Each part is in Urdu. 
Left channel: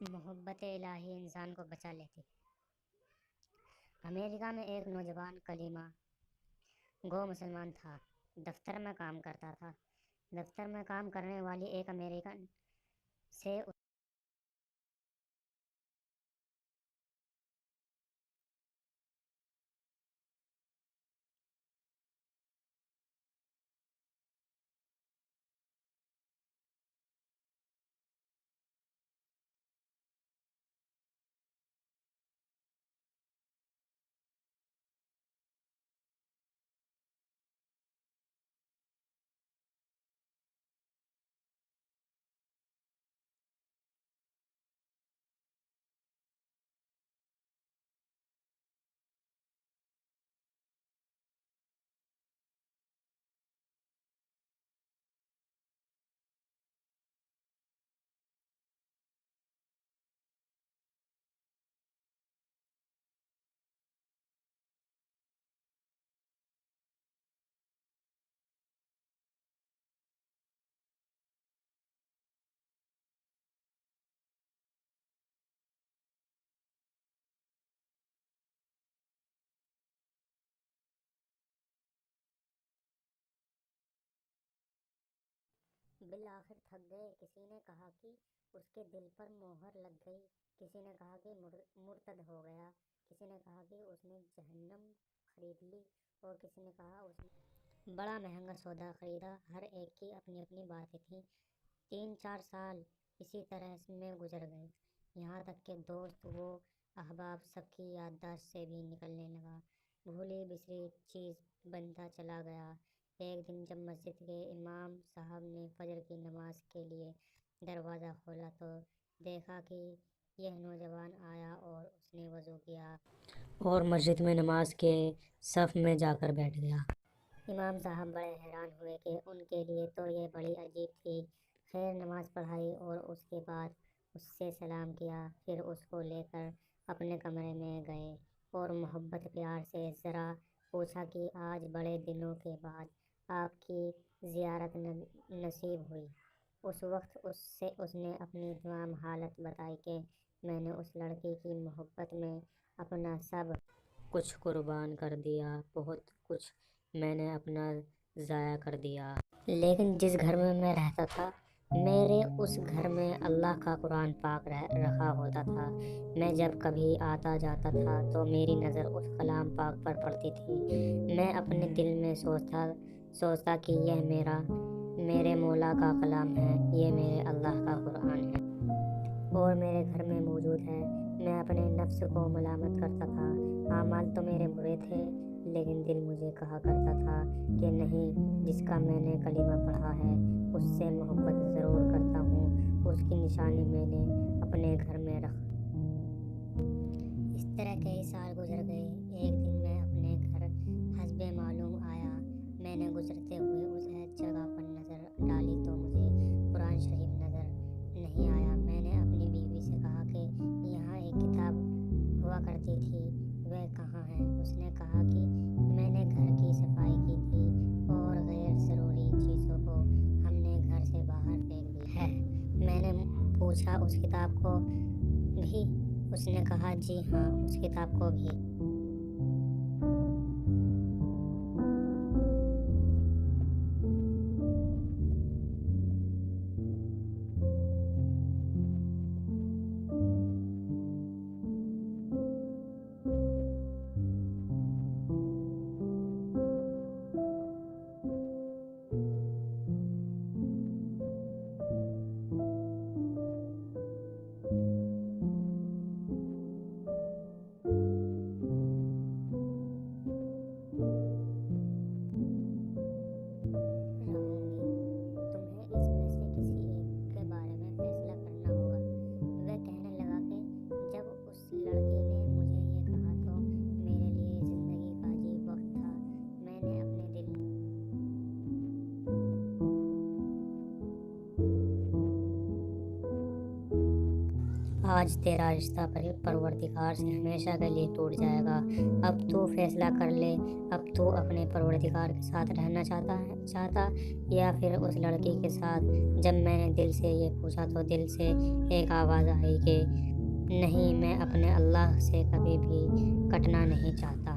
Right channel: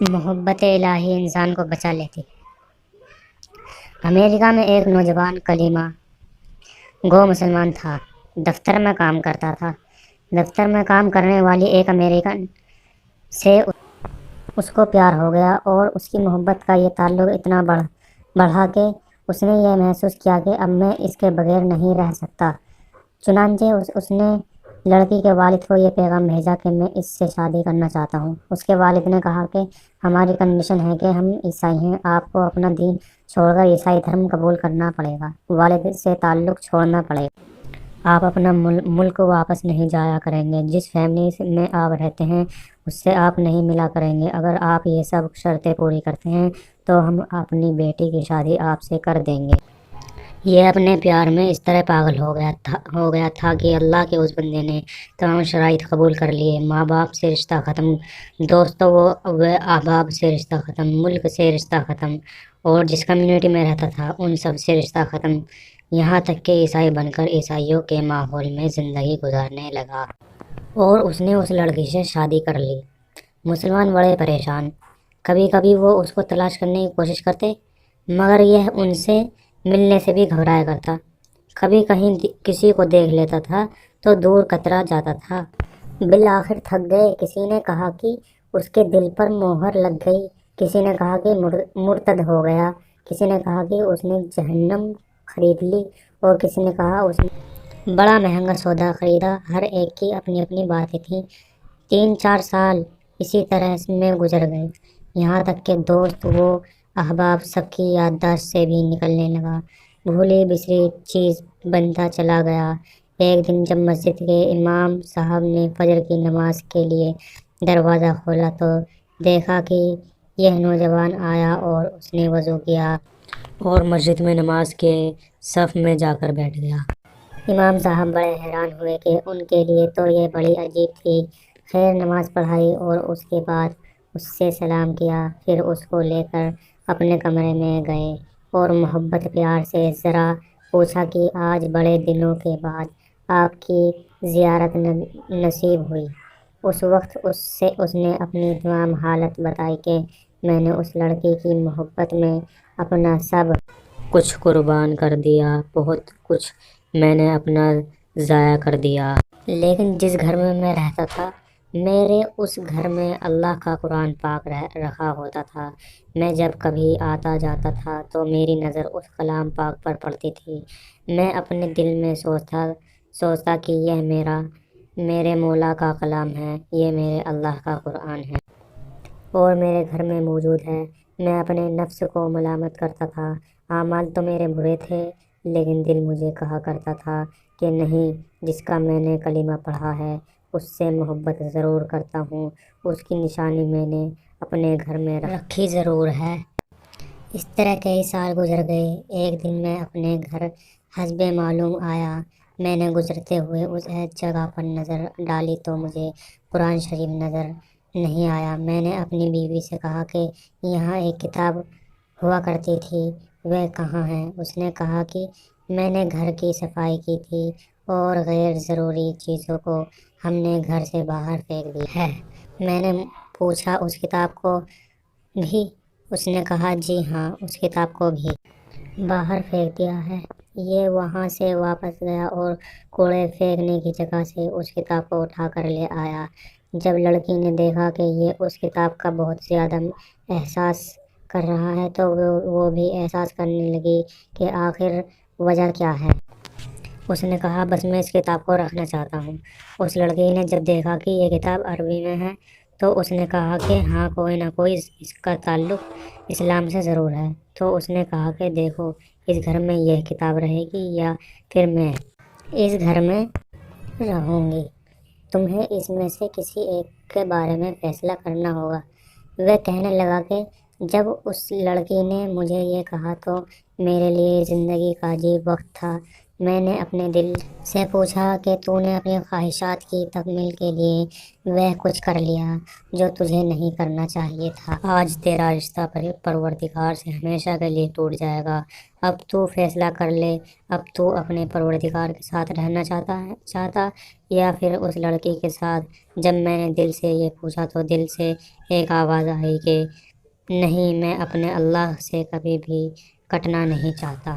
محبت الہی انسان کو بچا لیتی ہے۔ امریکہ میں ایک نوجوان کلیمہ گو مسلمان تھا، دفتر میں کام کرتا تھا۔ دفتر میں کام کرنے والی ایک امریکن سے اس کو پیار ہو گیا اور اس کی محبت کا یہ تعلق اتنا بڑھا کہ اس نے یہ محسوس کیا کہ اب میں اس کے بغیر نہیں رہ سکتا۔ چنانچہ اس نے لڑکی کے والد کو یہ پیغام بھیجا کہ میں اس سے شادی کرنا چاہتا ہوں۔ اس کے والد نے کہا کہ ہماری کنڈیشن ہے کہ ہم عیسائی ہیں، آپ کو اپنا دین چھوڑ کر عیسائی دھرم قبول کرنا پڑے گا، والد سے تعلق چھوڑنا پڑے گا۔ آپ اپنا ملک واپس نہیں جایا کریں گے، جس فیملی میں آپ رہتے ہیں اس سے آپ نہیں ملا کریں گے۔ اگر آپ یہ سب شرطیں پوری کرتے ہیں تو ہم اپنی بیٹی کی شادی آپ سے کر دیں گے۔ یہ اپنے پیار میں اس طرح پاگل ہو گیا تھا کہ اللہ کے اس بندے نے تمام شرائط قبول کر لیے۔ ماں باپ سے رشتہ ختم، دوستوں و احباب سے رشتہ ختم، ملک سے رشتہ ختم، اور جس کمیونٹی میں رہتا تھا ان سب سے رشتہ ختم، یہاں تک کہ عیسائی بن کر عیسائیوں کے ماحول میں زندگی گزارنے لگا۔ اور اس نے اس لڑکی سے شادی کر لی۔ مسلمان بڑے پریشان، کبھی کبھی وہ اس کو تلاش کرنے کی کوشش کرتے، مگر یہ ان سے ملنے سے بھی گھبرایا کرتا۔ کبھی کہیں کسی کو دیکھ لیتا تھا تو دور کترا جاتا تھا۔ بالآخر تھک گئے، کسی نے کہا کہ اس کے دل پر مہر لگ گئی، کسی نے کہا کہ مرتد ہو گیا، کسی نے کہا کہ اس نے جہنم خرید لی، اور کسی نے کہا اس نے بڑا مہنگا سودا خریدا۔ ہر ایک کی اپنی اپنی باتیں تھیں۔ 3-4 سال اسی طرح میں گزر گئے، یہاں تک کہ دوست و احباب سب کی یادداشت سے بھی نکلنے لگا، بھولی بسری چیز بنتا چلا گیا۔ ایک دن جب مسجد کے امام صاحب نے فجر کی نماز کے لیے دروازہ کھولا تو دیکھا کہ یہ نوجوان آیا اور اس نے وضو کیا اور مسجد میں نماز کے صف میں جا کر بیٹھ گیا۔ امام صاحب بڑے حیران ہوئے کہ ان کے لیے تو یہ بڑی عجیب تھی۔ خیر نماز پڑھائی اور اس کے بعد اس سے سلام کیا، پھر اس کو لے کر اپنے کمرے میں گئے اور محبت پیار سے ذرا پوچھا کہ آج بڑے دنوں کے بعد آپ کی زیارت نصیب ہوئی۔ اس وقت اس نے اپنی تمام حالت بتائی کہ میں نے اس لڑکی کی محبت میں اپنا سب کچھ قربان کر دیا، بہت کچھ میں نے اپنا ضائع کر دیا۔ لیکن جس گھر میں میں رہتا تھا، میرے اس گھر میں اللہ کا قرآن پاک رکھا ہوتا تھا۔ میں جب کبھی آتا جاتا تھا تو میری نظر اس کلام پاک پر پڑتی تھی۔ میں اپنے دل میں سوچتا کہ یہ میرے مولا کا کلام ہے، یہ میرے اللہ کا قرآن ہے اور میرے گھر میں موجود ہے۔ میں اپنے نفس کو ملامت کرتا تھا، اعمال تو میرے برے تھے، لیکن دل مجھے کہا کرتا تھا کہ نہیں، جس کا میں نے کلمہ پڑھا ہے اس سے محبت ضرور کرتا ہوں، اس کی نشانی میں نے اپنے گھر میں رکھی ضرور ہے۔ اس طرح کئی سال گزر گئے۔ ایک دن میں اپنے گھر حسب معلوم آیا۔ میں نے گزرتے ہوئے اس جگہ پر نظر ڈالی تو مجھے قرآن شریف نظر نہیں آیا۔ میں نے اپنی بیوی سے کہا کہ یہاں ایک کتاب ہوا کرتی تھی، وہ کہاں ہے؟ اس نے کہا کہ میں نے گھر کی صفائی کی تھی اور غیر ضروری چیزوں کو ہم نے گھر سے باہر پھینک دیا ہے۔ میں نے پوچھا اس کتاب کو بھی؟ اس نے کہا جی ہاں، اس کتاب کو بھی باہر پھینک دیا ہے۔ یہ وہاں سے واپس گیا اور کوڑے پھینکنے کی جگہ سے اس کتاب کو اٹھا کر لے آیا۔ جب لڑکی نے دیکھا کہ یہ اس کتاب کا بہت زیادہ احساس کر رہا ہے تو وہ بھی احساس کرنے لگی کہ آخر وجہ کیا ہے۔ اس نے کہا بس میں اس کتاب کو رکھنا چاہتا ہوں۔ اس لڑکی نے جب دیکھا کہ یہ کتاب عربی میں ہے تو اس نے کہا کہ ہاں، کوئی نہ کوئی اس کا تعلق اسلام سے ضرور ہے۔ تو اس نے کہا کہ دیکھو، اس گھر میں یہ کتاب رہے گی یا پھر میں اس گھر میں رہوں گی، تمہیں اس میں سے کسی ایک کے بارے میں فیصلہ کرنا ہوگا۔ وہ کہنے لگا کہ جب اس لڑکی نے مجھے یہ کہا تو میرے لیے زندگی کا عجیب وقت تھا۔ میں نے اپنے دل سے پوچھا کہ تو نے اپنی خواہشات کی تکمیل کے لیے وہ کچھ کر لیا جو تجھے نہیں کرنا چاہیے تھا۔ آج تیرا رشتہ پروردگار سے ہمیشہ کے لیے ٹوٹ جائے گا۔ اب تو فیصلہ کر لے، اب تو اپنے پروردگار کے ساتھ رہنا چاہتا یا پھر اس لڑکی کے ساتھ۔ جب میں نے دل سے یہ پوچھا تو دل سے ایک آواز آئی کہ نہیں، میں اپنے اللہ سے کبھی بھی کٹنا نہیں چاہتا۔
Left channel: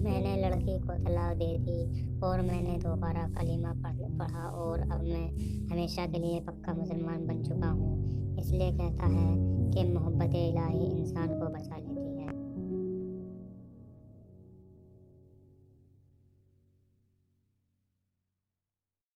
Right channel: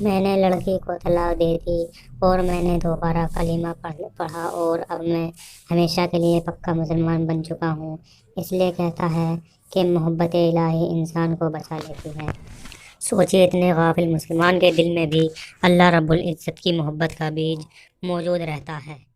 میں نے لڑکی کو طلاق دے دی اور میں نے دوبارہ کلمہ پڑھا اور اب میں ہمیشہ کے لیے پکا مسلمان بن چکا ہوں۔ اس لیے کہتا ہے کہ محبت الہی انسان کو بچا لیتی ہے۔ سوچیے، اتنے غافل مسلمان کے دل میں بھی اللہ رب العزت کی محبت کا بیج موجود رہتا ہے۔